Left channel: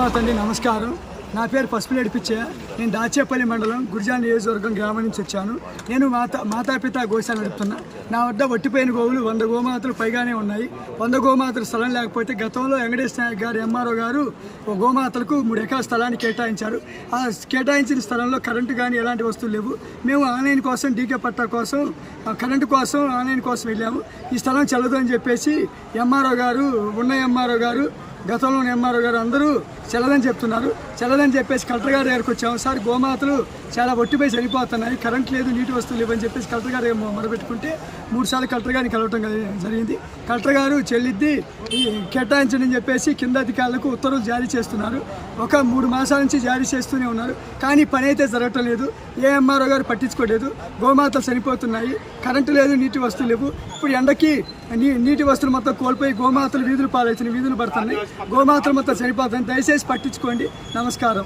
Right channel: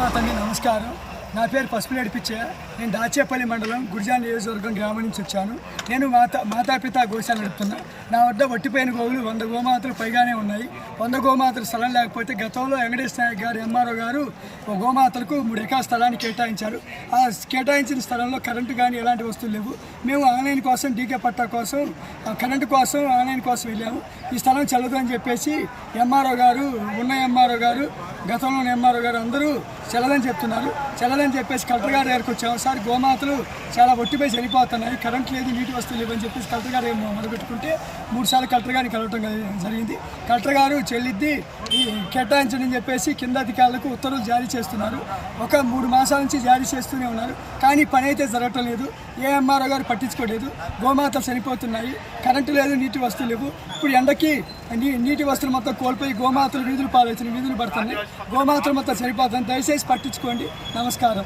మాతండి నమస్కారం. నా పేరు పసుపులేడి పిచ్చయ్య నేను దాచేపల్లి మండలం గురిజాన్ నియోజకవర్గం గ్రామం నుంచి వచ్చాను. నేను మాతా మాతాపిత గోశాల నడుపుతున్నా. నా వద్ద వట్టిపోయిన గోవులు వంద గోమాతలు పైగానే ఉన్నాయి. వంద గోమాతలు స్థలం లేకపోతే గతంలో వెంకటేష్ నాయక్ గారు ఎంఆర్ఓ గారు ఓ గోమాతలకు మూడు ఎకరాల స్థలాన్ని కేటాయించారు. ఆ కేటాయించిన స్థలంలో కరెంటు కానీ ఎలాంటి వస్తువులు లేవు. మేము ఆన్లైన్ కోసం డీకే పట్టా కోసం కరెంటు కోసం ఆన్లైన్ కోసం వెళ్ళాము. ఈ స్థలం చల్లదు అని చెప్పేసి ఎంఆర్ఓ గారు ఉన్న ఎంఆర్ఓ గారు గతంలో ఎంఆర్ఓ గారు అందరూ చెల్లదని చెప్తున్నారు. చెల్లదని చెప్పేసి కలెక్టర్ గారి దగ్గరకు వచ్చాము. సార్ గోమాతలు చాలా ఒట్టిపోయి చనిపోతున్నాయి. కరెంట్ లేదు నీటి వస్తువులు లేవని చెప్పేసి కలెక్టర్ గారు మొదలుపెట్టుకుంటే మూడు సార్లు కలెక్టర్ గారిని కలవటం జరిగింది. కలెక్టర్ గారు చెల్లిద్ది ఈ చెప్పేసి కింద అధికారులకు ఉత్తర్వులు జారీ చేస్తున్నారు. ఒక మూడు మాసాల నుంచి జారీ చేస్తూనే ఉన్నారు. కానీ పని అయితే జరగటం లేదు. ఏ ఎంఆర్ఓ గారు పట్టించుకోలేదు. గోమాతలు చనిపోతున్నాయి. కరెంటు లేదు నీటి వస్తువులు లేవు. ఇప్పుడు ఎండకి నీ నీటి వస్తువులు మొత్తం కోల్పోయి గోమాతలు వీధులు పాలవుతున్నాయి వీధులు పడుతున్నాయి. గోమాతలు మొత్తం చనిపోతున్నాయి. దయచేసి పట్టించుకోండి. నమస్కారం.